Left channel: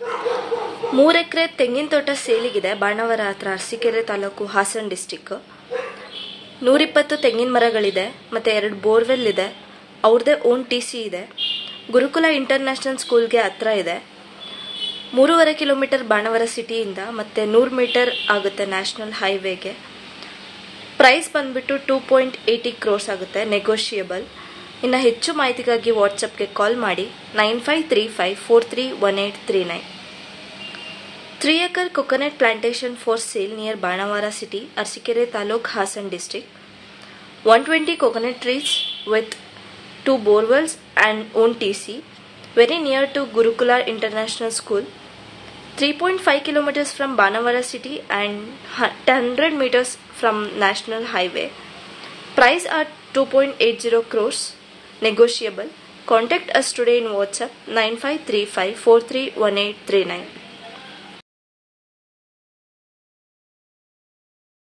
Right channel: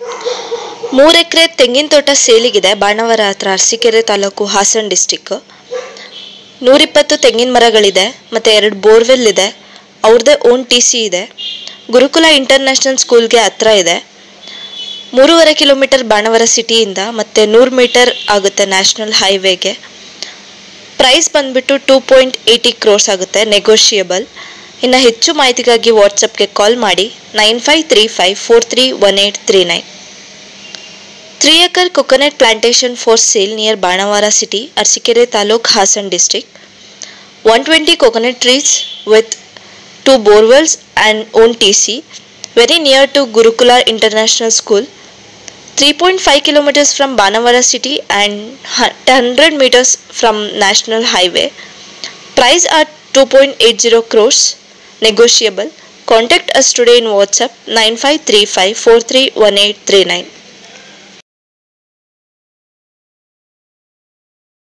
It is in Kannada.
3 ಎಕರೆ ತೆಂಗಿನ ತೋಟ ಸೇಲಿಗಿದೆ. ಬಾಣಾವರ ಹತ್ರ, ಅರಸೀಕೆರೆ ತಾಲೂಕು, ಹಾಸನ ಡಿಸ್ಟಿಕ್. 120 ತೆಂಗಿನ ಮರಗಳಿದೆ ಮತ್ತು 2 ಬೋರ್ವೆಲ್ ಇದೆ. ಅವ್ರದ್ದೇ ಓನ್ TC ಇದೆ. ಗುರುಕುಲ ಇಂಟರ್ನ್ಯಾಷನಲ್ ಸ್ಕೂಲ್ಗೆ ಹತ್ರ ಇದೆ. 3.5 ಕಿಲೋಮೀಟರ್ ಬಾಣಾವರ ಸಿಟಿಯಿಂದ ಮತ್ತು 100 ಮೀಟರ್ ಆಗುತ್ತೆ ನ್ಯಾಷನಲ್ ಹೈವೇಗೆ. ಪ್ರೈಸ್ ಬಂದುಬಿಟ್ಟು 2.80 crores ಆಗುತ್ತೆ, ನೆಗೋಷಿಯಬಲ್. ಇನ್ನು ಹೆಚ್ಚು ಮಾಹಿತಿಗಾಗಿ ವಾಟ್ಸಪ್ಗೆ ಕಾಲ್ ಮಾಡಿ 9535431839. 3 acre coconut plantation for sale near Banavara city, Arsikere Taluk, Hasan district. 120 coconut trees with 2 borewells and own TC, very near to Gurukula International School. 3.5 kilometers from Banavara city and 100 meters from National Highway. Price are 2.80 crores, negotiable. Contact us today in WhatsApp 9535431839.